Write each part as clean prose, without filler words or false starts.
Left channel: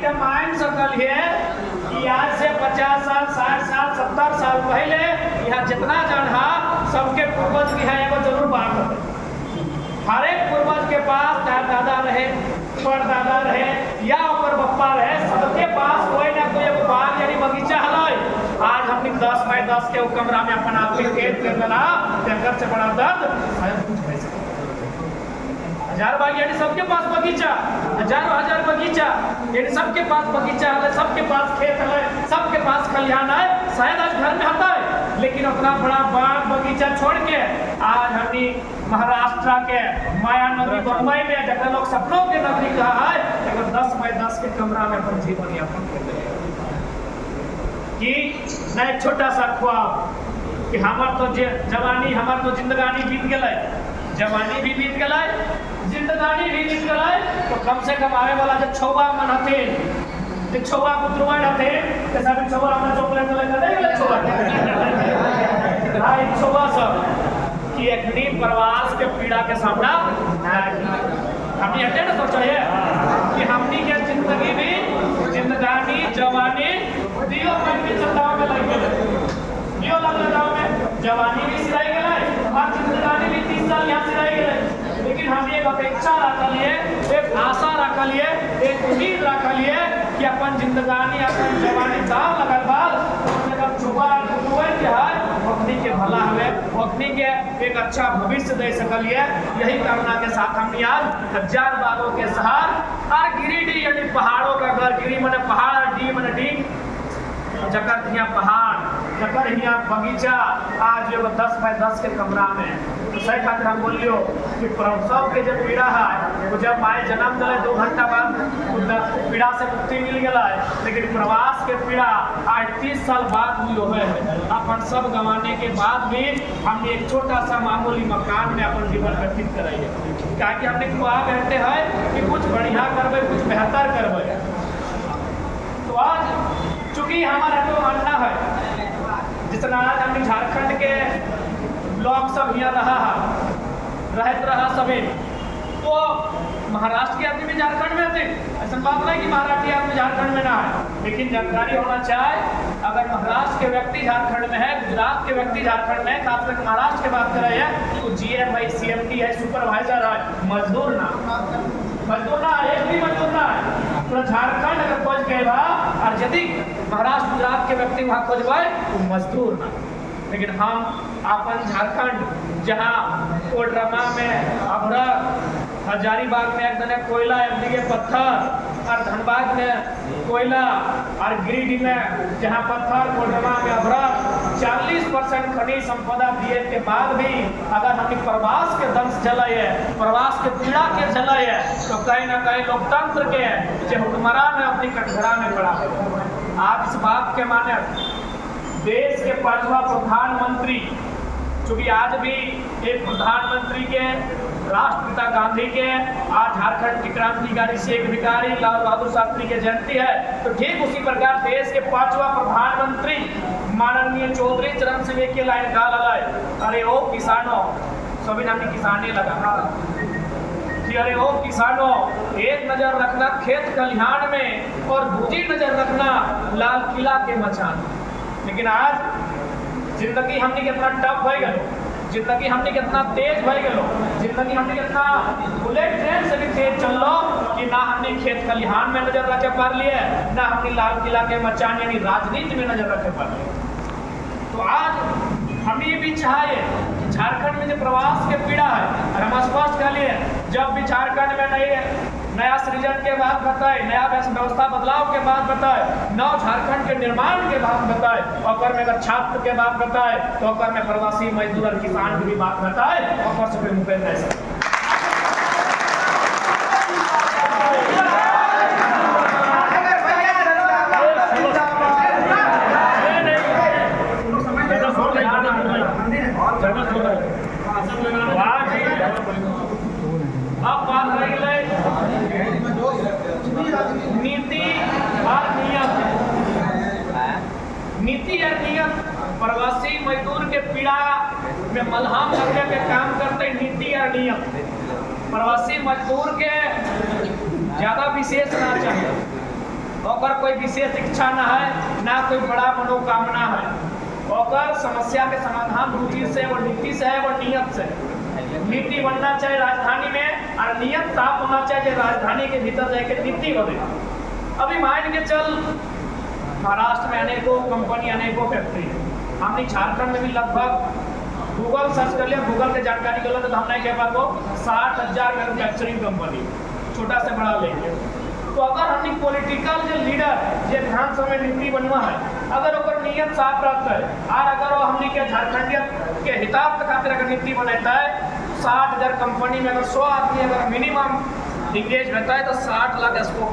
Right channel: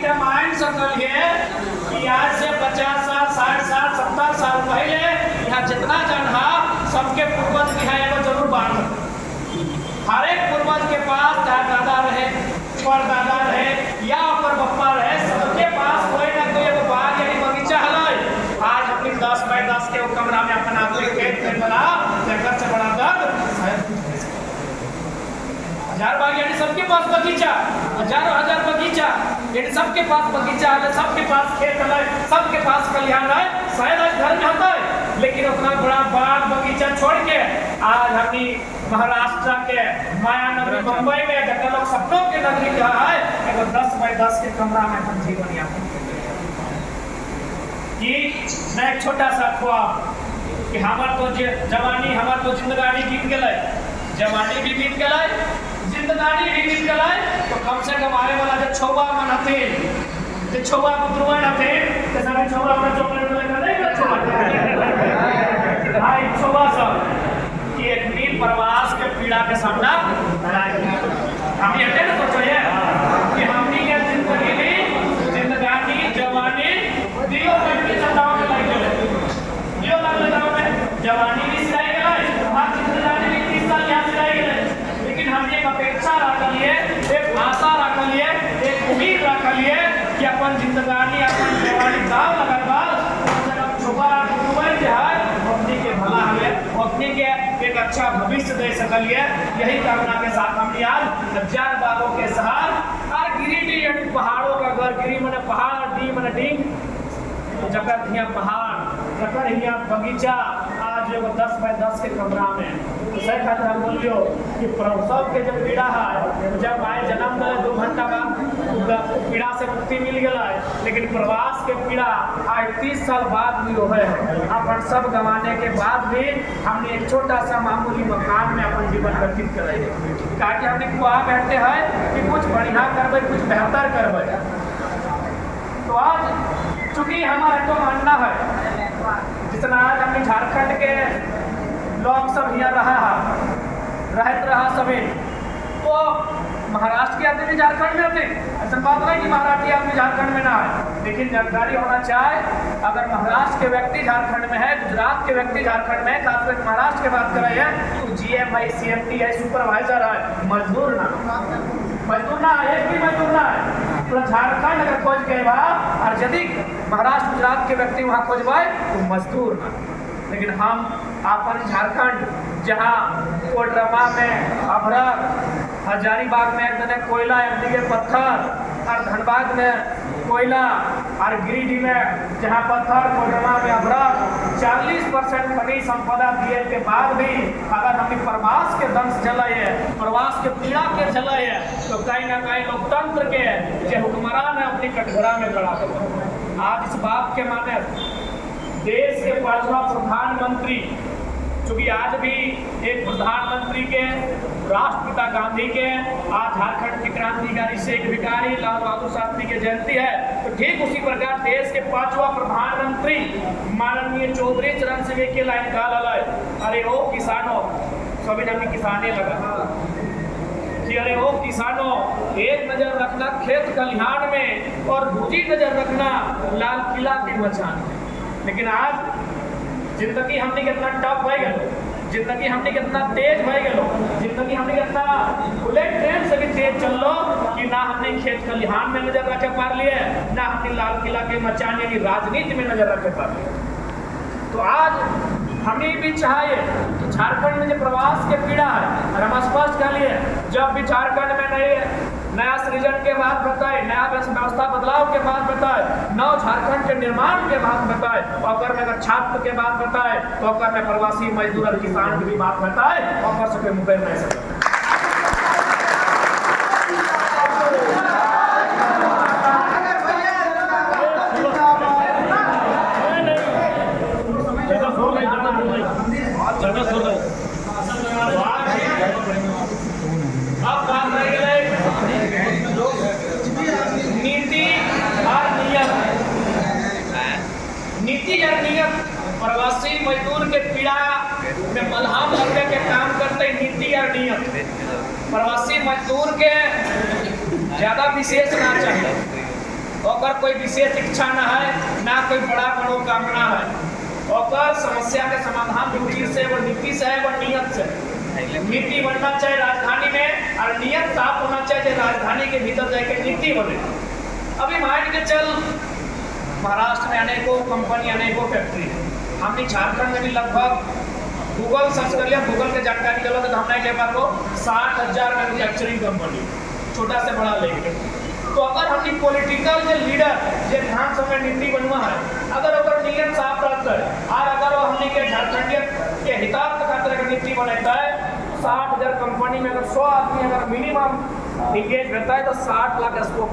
के मान सकल है कि आज से 50 साल 60 साल 70 साल पहले यहाँ जितना जन हा सबके पूर्वज की है एगो जरूर बात है। हर एक पूर्वज के पास चाहे दादा रहे, परदादा रहे या ओकर बप्पा रहे, सबके पास कोई ना कोई एगो बाग यानी बगीचा हलै। आज हमने 10 बाय 10 के कमरा में अपन आदमी कैद कर देला, जंगल से बड़ा दर्द हजार बाग यानी सबके पास बगीचा, हजारों हजार बगीचा यानी सबके पास बगीचा है, सबके पास खेत है, सबके पास खलिहान है, शायद आज घर में होता है। लेकिन उतना बड़ा बाग बगीचा छोड़ के आज हमी महाराष्ट्र के मायानगरी बम्बई में जगह लोग सपनों की नगरी कहा है, एगो 10 बाय 10 के कमरा में अपन जीवन यापन कर कि मैं एक छोटा सा ख्वाब कि हमार तो जवानी हमार तो जिंदगानी बीत गए, जवानी भी बीत गए, जिंदगानी भी बीत गए, तो कम से कम आवे वाला जब छौवा मन हथे जे छौवा पुत्रवन हथे ते सब छौवा में चॉकलेट लगा दे छौवा भाई छौवा सब कि एक नील प्रवास के पीड़ा के सामना हम ये हटे ना सोचो कि हमनी के जिंदगी में जिंदगानी जवानी दियो में भी चटाव में लग गए, दियो लग लगाव में जवानी भी सिराई गए और जिंदगानी भी 30 साल यहाँ सिराई गए। लेकिन हम एक अपेक्षा रखलिए, एक आशा रखलिए, एक उम्मीद रखलिए कि अपन जिंदगानी अपन जवानी दाव लगल बा अपनी के भला हमें अपनी के एक अच्छा भविष्य दे सकलिए। यही कामना के साथ हम आज 1000 बागों के शहर और गिरिडीह यानी पहाड़ों का घर, गिरी मने पहाड़, डी मने डींग, जकर हिया पहाड़, जकर हिया बगीचा, आज एगो 10 बाय 10 के कमरा में। तो सही खातिर हम बोलियो कि प्रसव के जब पीड़ा है, जब माए जन्म दिले 2 घंटा बाद पीड़ा से मुक्ति मिल गया, लेकिन प्रवास के पीड़ा आज 30 साल बाद भी है। अपन सब गंवाने के बाद भी हमने एक छोटा सा मामूली मकान में अपन जीवन व्यतीत करे है, ताकि हमने ख्वाब बैठे है कि कुछ बढ़िया करबे, कुछ बेहतर करबे। तो आज चूंकि हमारा तो मानना है जितना आज हमने झारखंड के लोग सब यहाँ रहा सभी, तो महाराष्ट्र के आदमी भी झारखंड में होते, ऐसा बात नहीं कि महाराष्ट्र आदमी झारखंड में ना है। लेकिन जानकारी होना चाहे, अगर महाराष्ट्र के व्यक्ति झारखंड में है, गुजरात के व्यक्ति झारखंड में है, खासकर महाराष्ट्र की बात कर रहे हैं, तो GM है, CMT है, सुपरवाइजर है, मजदूर ना है, एक भी मजदूर ना है। तो झारखंड अगर खोज गए और यदि महाराष्ट्र गुजरात के व्यक्ति वहाँ खोजबे तो मजदूर ना। लेकिन हम अपन झारखंड जहाँ कोडरमा में अभरक, हजारीबाग में एक दने कोयला, एक दिगे पत्थर, और धनबाद में कोयला, और गिरिडीह में जहाँ पत्थर, कोडरमा में अभरक, 40% खनिज संपदा दिए के बाद भी अगर हम प्रवास के दंश जलाए, प्रवास के पीड़ा के जलाए, तो कहीं ना कहीं लोकतंत्र के जो हुक्मरान है अपनी कटघरा में खड़ा हो। आज इस बात के माने देश के 5वां प्रधानमंत्री, चूंकि आज भी एक प्रधानमंत्री के राष्ट्रपिता गांधी के, आज झारखंड के क्रांतिकारी शेख भिखारी लाल बहादुर शास्त्री की जयंती है, तो ठीक उसी प्रकार देश के 5वां प्रधानमंत्री माननीय चौधरी चरण सिंह के लाइन डाल है, अरे ओ किसानों, सभी नाम किसाने लगा कि अरे ओ किसानों, एक नजर रखना खेत खलिहान में और दूसरी नजर रखना लाल किला के मचान में। लेकिन आज जिंदगी हमने कितना टफ हो गलो, जिंदगी हमने कितना तेज हो गलो, जिंदगी हमने कितना बुलेट ट्रेन से भी तेज चल लो कि ना हमने खेत खलिहान में नजर रखे पार लिए, ना हमने लाल किला के मचान यानी राजनीति में नजर रखे पार लिए। तो आज हमें भी चाहिए कि झारखंड में जो प्रवास के पीड़ा है, और हम स्पष्ट कर लिए जब भी झारखंड में नया सृजन के बाद बताए, नया व्यवस्था बदलाव के बाद बताए, नव झारखंड के निर्माण के बाद बताए, और में अगर छात्र के बाद बताए, तो और में प्रवासी मजदूर और किसान की भी बात बताए, और से मुकेश नहीं सकते। अब बात रह गई नीति और नियम। नीति और नियम प्रवासी मजदूर के पीड़ा में मलहम लगने के काम करते नीति और नियम। प्रवासी मजदूर के ज्यादा विशेष ना चाहिए, ओकर कोई विशेष इच्छा ना है, ना कोई बड़ा मनोकामना है। ओकर समस्या के समाधान रुचि से, वो नीति से है, वो नियत से। नीति बनना चाहिए राजधानी में और नियत साफ होना चाहिए राजधानी के भीतर जाके नीति बने। अभी मान के चल महाराष्ट्र में अनेकों कंपनी, अनेकों फैक्ट्री है। हमने झारखंड में भी लगभग गूगल सर्च कर लिया, गूगल के जानकारी चलो तो हमने के पास 60,000 मैन्युफैक्चरिंग कंपनी, छोटा से बड़ा लेके। तो अगर हमने पॉलिटिकल जो लीडर जो विधानसभा में नीति बनवा है, अगर ओकर नियत साफ रहता है और अगर वो हमने के झारखंडियत के हितार्थ खातिर अगर नीति बनाता है, 60,000 कंपनी में अगर 100 आदमी अगर मिनिमम इंगेज रहता है तो 60 लाख स्कोप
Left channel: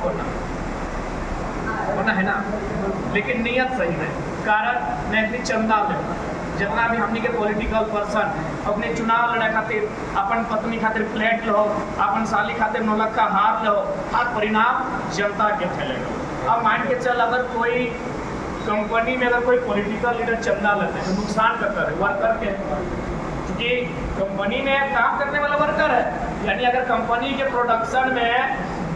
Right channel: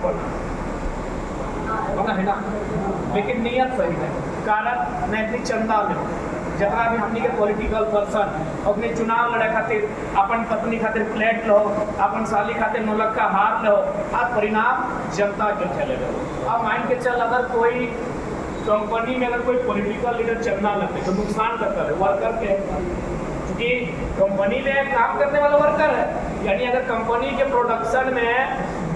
बना है ना। लेकिन नियत सही नहीं, कारण न इतनी चंदा ले जितना भी हमनी के पॉलिटिकल पर्सन अपने चुनाव लड़े खातिर अपन पत्नी खातिर फ्लैट लो, अपन साली खातिर नौलक्खा हार लो, हर परिणाम जनता के ठेले लो। अब मान के चल अगर कोई कंपनी में अगर कोई पॉलिटिकल लीडर चंदा लेते तो नुकसान करता है वर्कर के, क्योंकि कंपनी में काम करने वाला वर्कर है। यानी अगर कंपनी के प्रोडक्शन में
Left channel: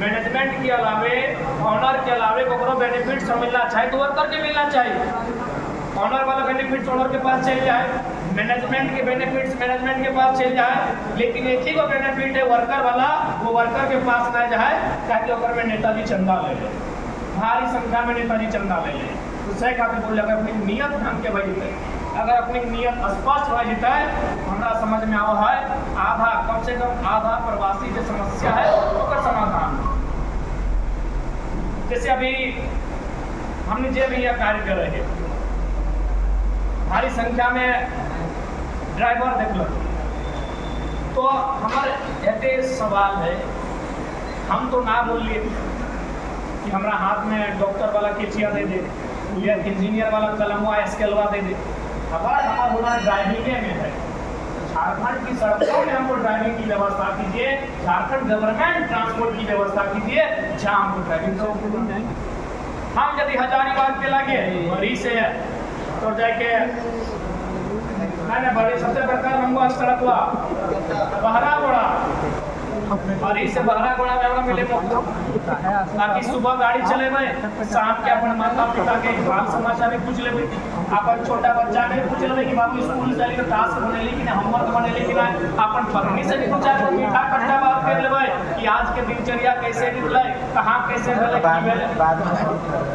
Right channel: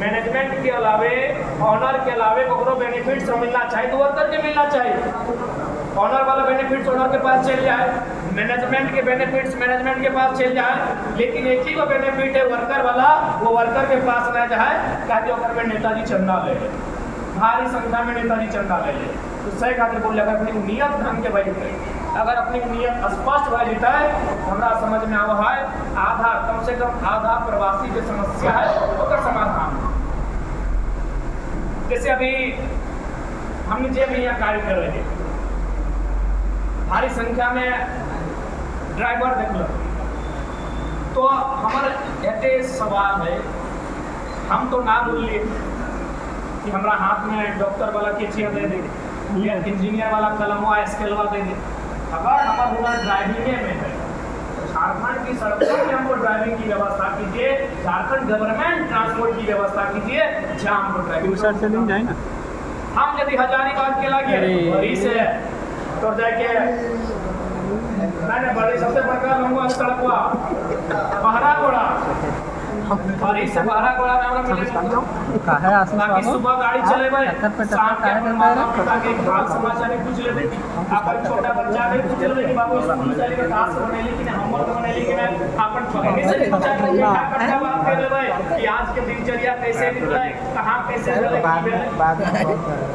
मैनेजमेंट के अलावे, ऑनर के अलावे को बेनिफिट्स मिलना चाहिए तो वर्कर के मिलना चाहिए। ऑनर वाला बेनिफिट्स ऑनर के पास चल जाए, मैनेजमेंट के बेनिफिट्स मैनेजमेंट के पास चल जाए, लेकिन एक ही को बेनिफिट है वर्कर वाला, वो वर्कर के पास न जाए। कहते ओकर में नेताजी चंदा ले ले, भारी संख्या में नेताजी चंदा ले ले। तो सही खातिर बोल अगर अपनी नियत ढंग के बह जते, अगर अपनी नियत स्पष्ट बह जते, हमरा समझ में आवा है आधा, कम से कम आधा प्रवासी जो समस्या है ओकर समाधान। जैसे अभी हमने जे भी यहाँ कार्य कर रहे हैं, भारी संख्या में ड्राइवर देख लो, तो हमारे एते सवाल है, हम तो ना बोलिए कि हमारा हाथ में डॉक्टर वाला केचिया दे दे या इंजीनियर वाला कलमवा स्केलवा दे दे। अगर हमारा हुनर ड्राइविंग में है, झारखंड की सड़कों में हमको ड्राइविंग की व्यवस्था कीजिए, झारखंड गवर्नमेंट ट्रांसपोर्ट की व्यवस्था कीजिए, जहाँ हमको ड्राइविंग। हम यदि हजारीबाग के लगे बड़ी से तो जाके नहीं बड़ी सबसे बड़का लंबा सड़कवा बहरा गोड़ा, बड़ी से बहरा गोड़ा में हमरा मिले बाकी सुबह गाड़ी चलेबे, शाम के अपन माता पिता के हाल समाचार पूछ लेबे, अपन छोटा बच्चा के पूछ लेबे कि बाबू स्कूल से लेकर टास्क बनेली कि नहीं, होमवर्क बनेली कि नहीं। अपन पत्नी से भी कुछ मीठा खट्टा बात कर लेबे कि आज के दिनचर्या कैसे निकले, कहाँ कैसे भेले की भेले।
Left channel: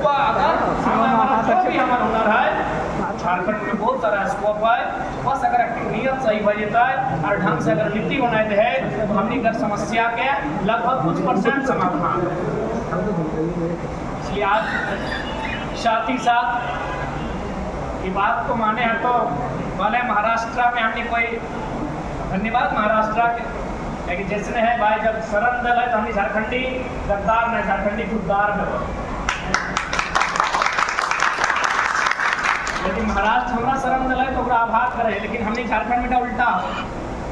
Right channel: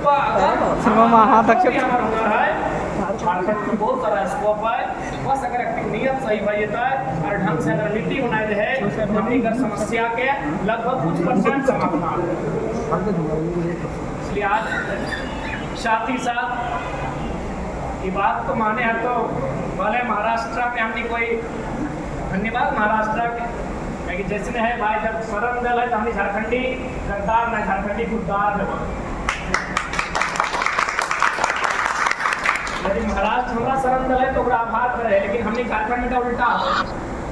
तो अगर हमारा हुनर है, झारखंड में बहुत सारा स्कोप है, बस अगर एक्टिव नियत सही हो जाता है और ढंग से अगर नीति बनाए है, हमनी कर समस्या के लगभग कुछ % समाधान है। इसलिए आज साथ ही साथ ये बात को माने हैं तो भले महाराष्ट्र में हमने कोई धन्यवाद महाराष्ट्र के कि जैसे है भाई, जब शरण दल है तो हमने झारखंडी गद्दार न झारखंडी खुददार है। यदि महाराष्ट्र हमारा शरण दल है तो आभार करे, लेकिन हमने झारखंड में उल्टा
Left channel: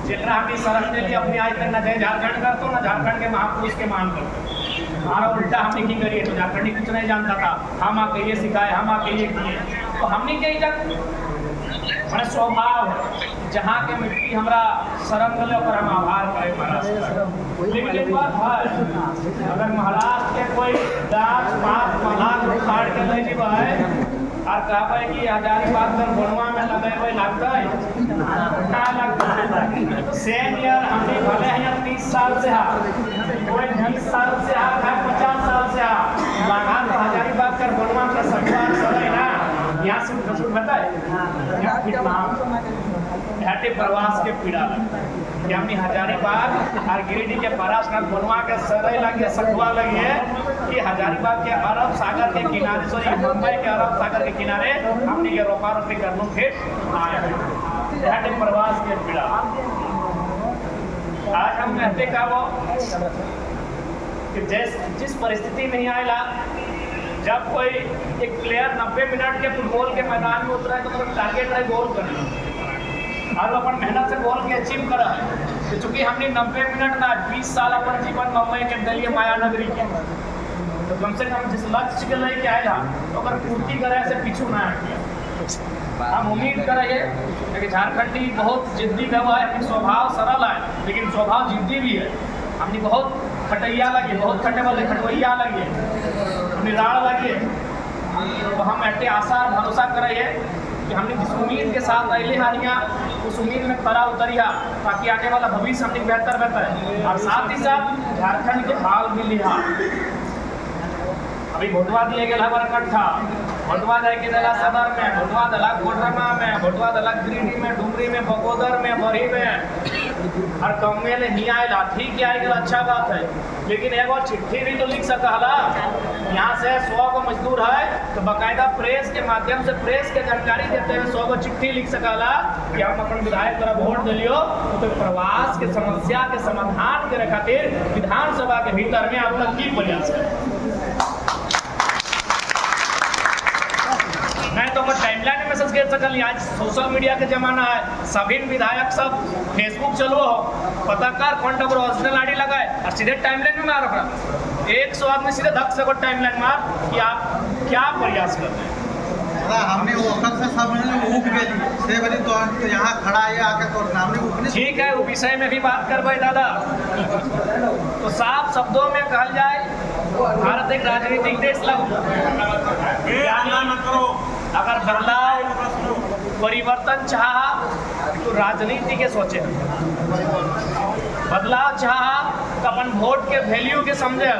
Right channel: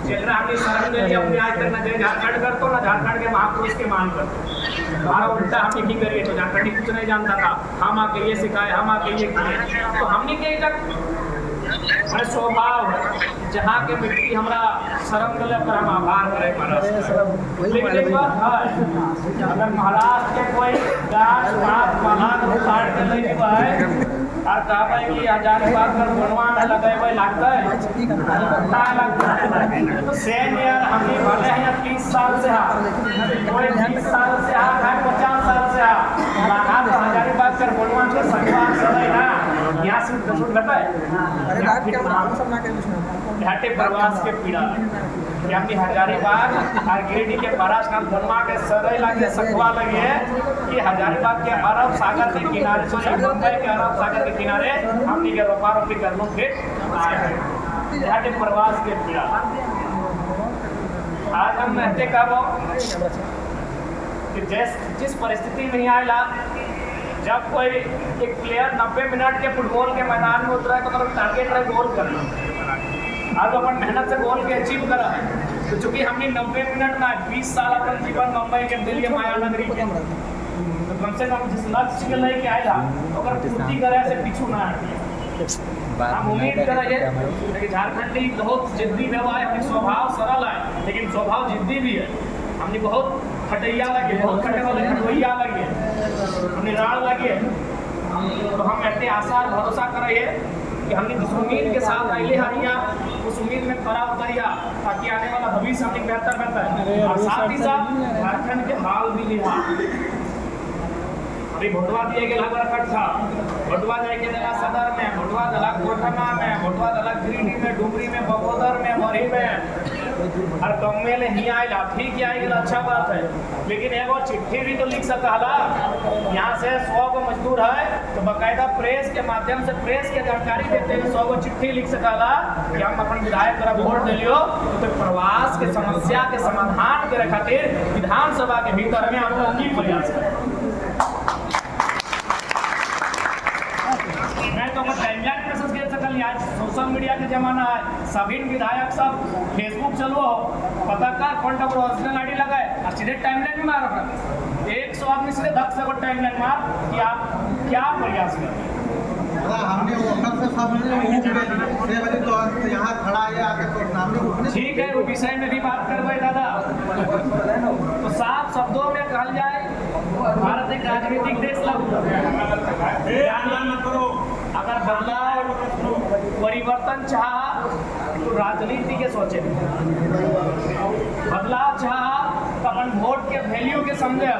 जरा हमने शरण दे लिया अपने आज तक न जय झारखंड कर तो ना झारखंड के महापुरुष के मान करते। हमारा उल्टा हमने की करिए तो झारखंडी कुछ नहीं जानता था, हम आके ये सिखाए, हम आके ये किए। तो हमने के हमारा स्वभाव है जहाँ के मिट्टी हमारा शरण दल पर हम आभार करें महाराष्ट्र। लेकिन एक बात है, अगर महाराष्ट्र के कोई गाछ पात मलाक उखाड़ के ले जीवा है और कहबे कि हजारीबाग कर बनवा में लगेबे लगता है ना लगता है, तो सेम यार हमने भले हैं 30 साल से हा, कोई 20 साल से हा, 50 साल से हा, लगा तो हजारीबाग कर बनवा के सगवा सदै ना यहाँ सूट बता है घाटे प्रवास के पीड़ा लगे कि हमने हजारीबाग और गिरिडीह के परासनाथ बनवा के सदै लगे सकवा लगी है कि हजारीबाग के अरब सागर के किनारे, सॉरी मुंबई के अरब सागर के किनारे हमने के रोपा रोपी कर लो फिर आए घाटे प्रवास के पीड़ा। आज हम कहते का वो कि जिस परिस्थिति में ही आएला, जब कोई एक प्लेयर 90 मिनट के फुटबॉल के मैदान में उतरा है तो मतलब टारगेट रहे गोल कर लो और वो अपन मेहनत से गोल के अचीव करा है। तो चूंकि हमने 90 मिनट ना 20 साल अपन जीवन मुंबई के दिल्ली माया नगरी के, तो कम से कम जिस लक्ष्य के लेके आएगा तो अगर पूर्ति करे से पीछू ना हटिए। हम उम्मीद करेंगे कि झारखंडी बहुत जिद्दी व्यवहार है, अपनी स्वभाव सरल है लेकिन स्वभाव जिद्दी भी है। हमने बहुत खटैया लगी, बहुत खटे वाले खटवैया लगे, निराड़ लगे। तो हम ऐसे आशा और भरोसा करिए कि हमने जिस उम्मीद के साथ अले हैं यहाँ उस उम्मीद में खरा उतरिया, ताकि आने वाला भविष्य हमने बेहतर बेहतर। और साथ ही साथ झारखंड के हाल भी लिहा। अभी भोटवा दिए गए हमारा कट्ठा, भोटवा जाके दिला सदर में, भोटवा दिला कोडरमा में, भोटवा दिला गिरिडीह में, डुमरी में, बगोदर में, मरी में, और कमे ले ही आएला। ठीक है आएगा, अच्छा बात है, लेकिन एगो चिट्ठी भी तो लिख सकला। यहाँ से 100 गो मजदूर है तो बाकायदा प्रेस के माध्यम से प्रेस के जानकारी देते हुए 100 गो चिट्ठी लिख सकला कि हम अपन विधायक तरफ वोट दिलियो। तो प्रवास के समस्या के समाधान करे खातिर विधानसभा के भीतर में अब तक की प्रयास करें। नहीं तो मैं टाइमलाइन में मैसेज कर सकल। आज सोशल मीडिया के जमाना है, सभी विधायक सब फेसबुक चलो हो, पता कर कौन टकर ओरिजिनल आईडी लगाए और सीधे टाइमलाइन में मार रखा। 100 आदमी सीधे धक से टाइमलाइन मार कि आप क्या प्रयास कर रहे हैं। हमने वो से सब तो यहाँ खड़ा है आके तो सामने। ठीक है, वो विषय में भी बात करवाए दादा। तो साफ शब्दों में कहल जाए, भारत एक राजनीतिक देश करो। अगर बदलाव परिवर्तन चाहा तो राजनीति के सोचे, बदलाव चाहा तो अपन वोट के वैल्यू के समझे।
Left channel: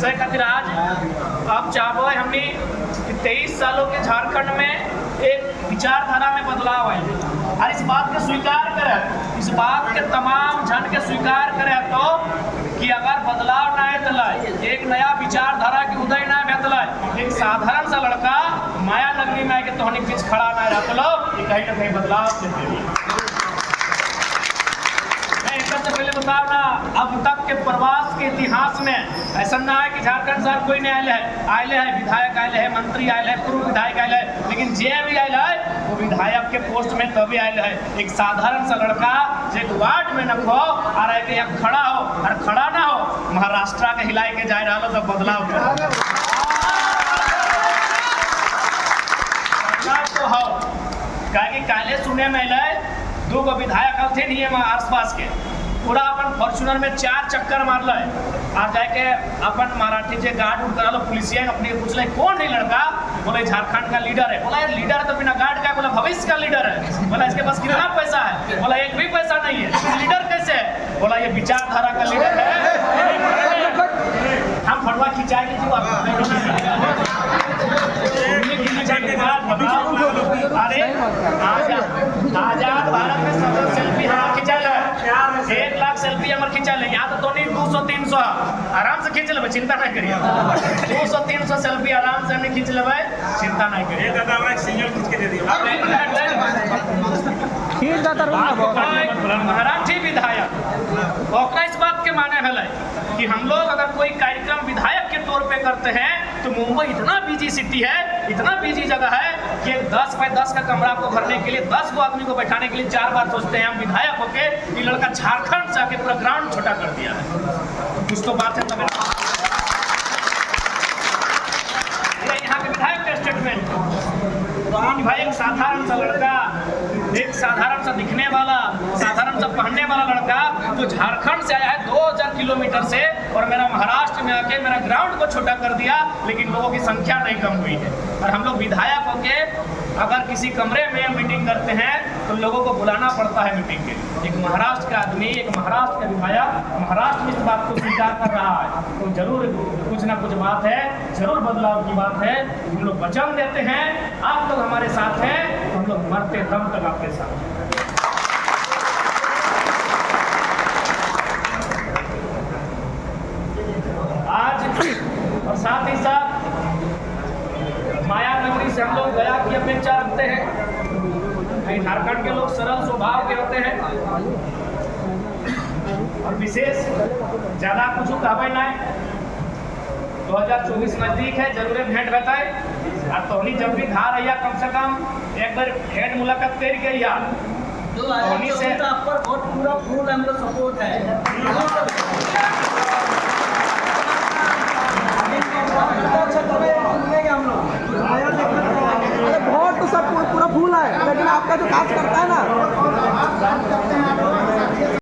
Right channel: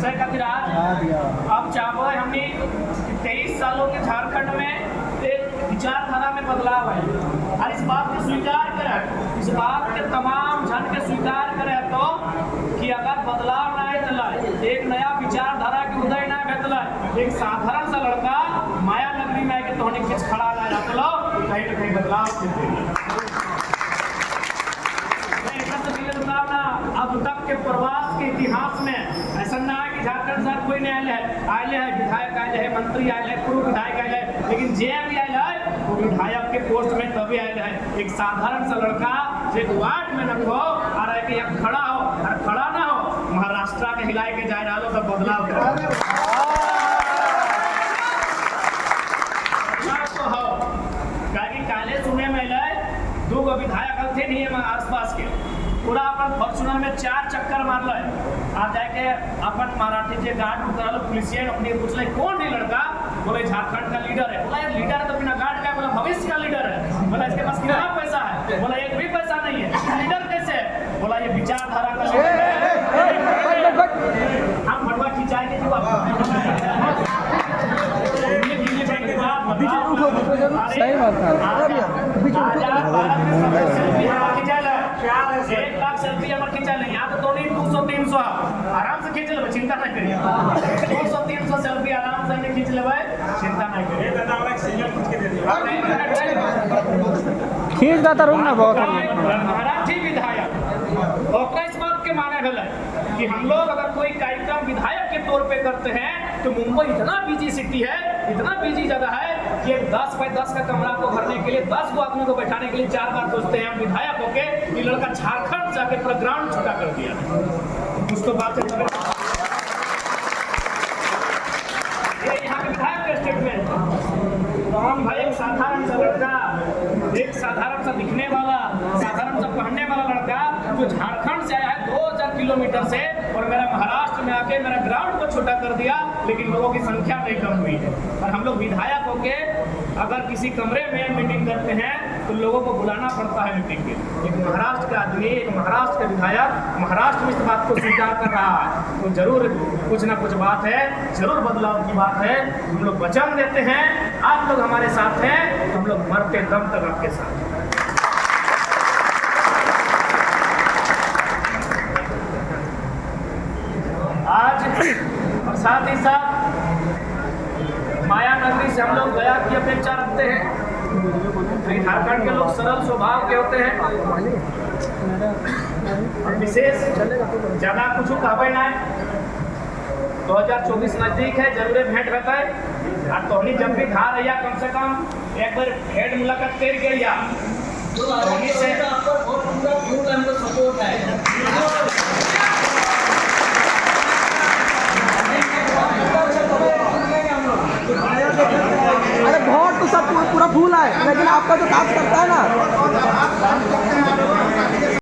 से खातिर आज अब चाहो हमने 23 सालों के झारखंड में एक विचारधारा में बदलाव आए और इस बात के स्वीकार करें, इस बात के तमाम जन के स्वीकार करें तो कि अगर बदलाव ना आए, एक नया विचारधारा की उदय ना भेटल, एक साधारण सा लड़का माया नगरी में आके तोहनी बीच खड़ा ना रखलो, कहीं ना कहीं बदलाव देते। से पहले बताओ ना, अब तक के प्रवास के इतिहास में ऐसा ना है कि झारखंड सर कोई नहीं आए है विधायक आए है, मंत्री आए है, पूर्व विधायक आए है, लेकिन जे भी आए है वो विधायक के पोस्ट में तभी आए है। एक साधारण सा लड़का जो वार्ड में न हो और यहाँ खड़ा हो और खड़ा ना हो महाराष्ट्र के हिलाए के जाए रहा तो बदलाव तो हो। कहे काले सुने में 2 गो विधायक थे नहीं आस पास के, पूरा अपन फॉर्चूनर में 4 चक्कर मारल और जाके अपन मराठी जे गार्ड उड़ करा पुलिसिया अपने पूछल कौन है लड़का, बोले झारखंड का लीडर है। बोला ये लीडर है तो बिना गार्ड का, बोला भविष्य का लीडर है। बोला इसके पास कितना पैसा है, बोला एक भी पैसा नहीं है, लीडर कैसे है, बोला ये विचारधारा का लीडर है। हम फटवा खिंचाए के अरे आजा भारत में सब सेल्फी हमारा खिंचाल है, 1 लाख सेल्फी हमारे खिंचाल है। यहाँ तो 200-300 आराम से खींच लेबै, चिंता नहीं करिए। 200-300 सेल्फी आराम से हमने खींच लेबै, चिंता नहीं करिए। मराठी विधायक ओकरा इस बात के माने भेलै कि हम लोग अगर कोई कार्यक्रम विधायक के तौर पे करते हैं तो मुंबई इतना बिजी सिटी है, इतना बिजी जगह है कि 10 बाय 10 का कमरा को भरने के लिए 10 गो आदमी को बैठाने के लिए 4 बार सोचते हैं हम विधायक होके। ये लड़का झारखंड से आके पूरा ग्राउंड छोटा कर दिया है। कुछ तो बात है तब ये यहाँ के विधायक का स्टेटमेंट भाई एक साधारण सा लड़का, एक साधारण सा दिखने वाला, साधारण सा पहनने वाला लड़का जो झारखंड से आया है 2000 किलोमीटर से और मेरा महाराष्ट्र में आके मेरा ग्राउंड को छोटा कर दिया, लेकिन लोगों की संख्या नहीं कम हुई है। और हम लोग विधायक होके अगर किसी कमरे में मीटिंग करते हैं तो लोगों को बुलाना पड़ता है मीटिंग के लिए। एक महाराष्ट्र का आदमी, एक महाराष्ट्र का विधायक महाराष्ट्र में इस बात को स्वीकार कर रहा है तो जरूर कुछ ना कुछ बात है, जरूर बदलाव की बात है। हम लोग वचन देते हैं, आप लोग हमारे साथ हैं, हम लोग मरते दम तक आपके साथ हैं। आज और साथ ही साथ माया नगरी से हम लोग दया की अपेक्षा रखते हैं। झारखंड के लोग सरल स्वभाव के होते हैं और विशेष ज्यादा कुछ कहबे ना। 2024 नजदीक है, जरूर भेंट बताए और तोहनी जब भी धार है कम से कम एक बार भेंट मुलाकात कर गई। तो से पर बहुत पूरा फुल हमको सपोर्ट है।